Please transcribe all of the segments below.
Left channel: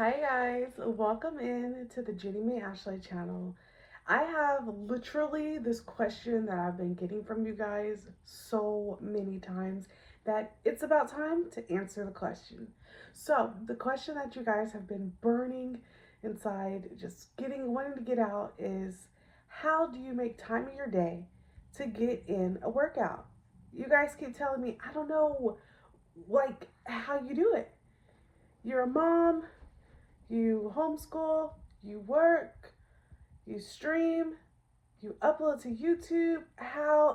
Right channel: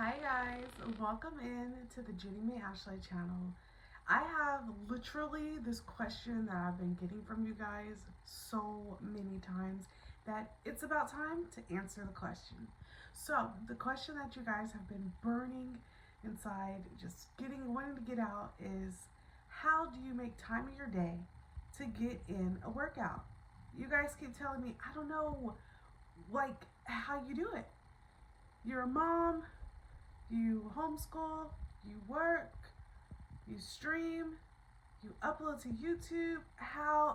Hi guys, welcome in to the Jennymayashley channel. I have literally this question that I've been getting from you guys so many times that it's about time to answer the question. So the question that you guys have been burning inside, just wanting to get out is, how do you make time in your day to get in a workout? You guys keep telling me, I don't know how you do it. You're a mom, you homeschool, you work, you stream, you upload to YouTube.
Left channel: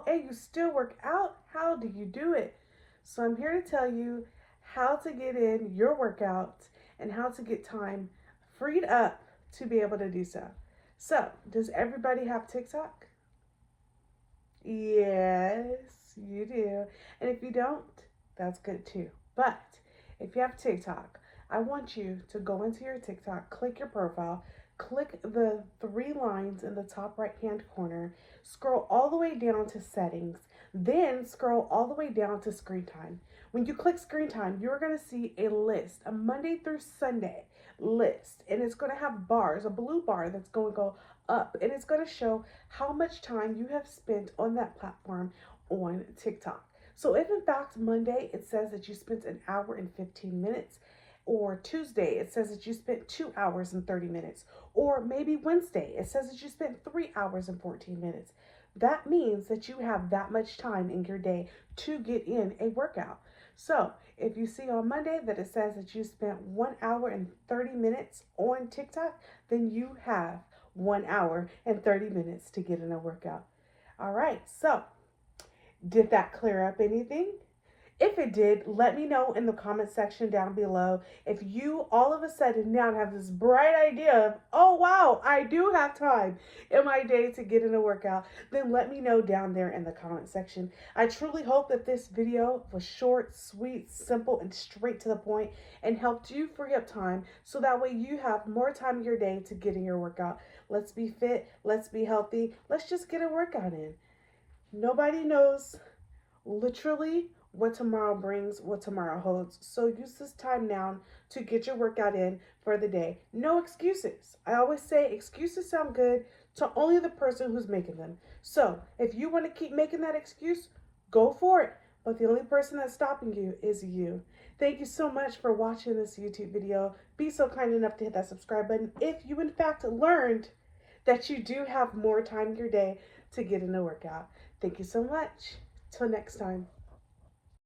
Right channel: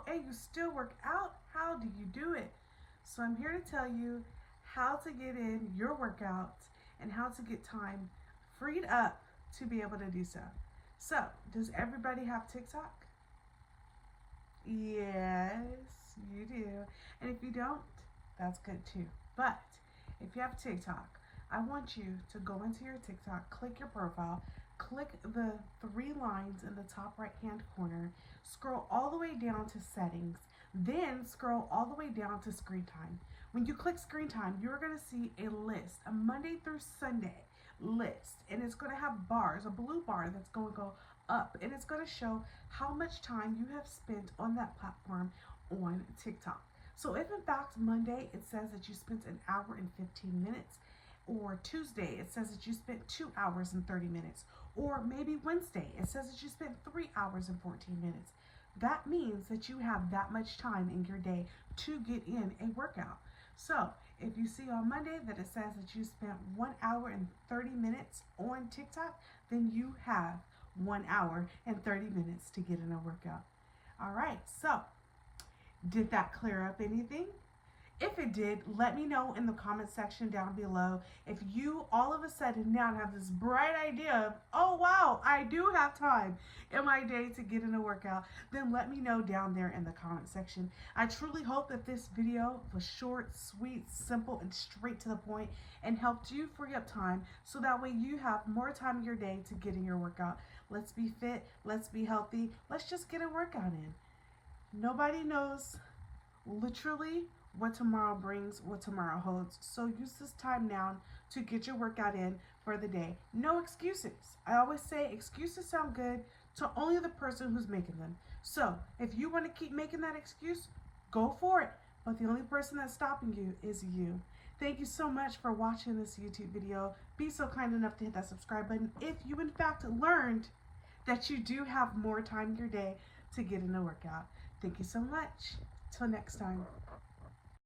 And you still work out? How do you do it? So I'm here to tell you how to get in your workouts and how to get time freed up to be able to do so. So, does everybody have TikTok? Yes, you do. And if you don't, that's good too. But if you have TikTok, I want you to go into your TikTok, click your profile, click the three lines in the top right hand corner, scroll all the way down to settings, then scroll all the way down to screen time. When you click screen time, you're going to see a list, a Monday through Sunday list, and it's going to have bars, a blue bar that's going to go up, and it's going to show how much time you have spent on that platform on TikTok. So if in fact Monday it says that you spent an hour and 15 minutes, or Tuesday it says that you spent 2 hours and 30 minutes, or maybe Wednesday it says that you spent 3 hours and 14 minutes, that means that you have that much time in your day to get in a workout. So if you see on Monday that it says that you spent 1 hour and 30 minutes on TikTok, then you have 1 hour and 30 minutes to get in a workout. All right, so did that clear up anything? If it did, let me know in the comment section down below. If you all of a sudden now have this bright idea of, oh wow, I do have time in my day to get in a workout, then let me know down there in the comment section. I truly hope that this video was short, sweet, simple, and straight to the point and helped you free up time so that way you have more time in your day to get in your workout. Let's be fit, let's be healthy, let's just get a workout in. Nobody knows literally what tomorrow brings, what tomorrow holds. So use this time now to get your workout in for the day. No excuses. I always say excuses sound good to only the person who's making them. So if you want to keep making that excuse, go for it. But the only person that's stopping you is you. Thank you so much for watching this YouTube video. Be so kind enough to hit that subscribe button if you in fact learned that you do have more time in your day to get in a workout. Thank you so much. Till next time.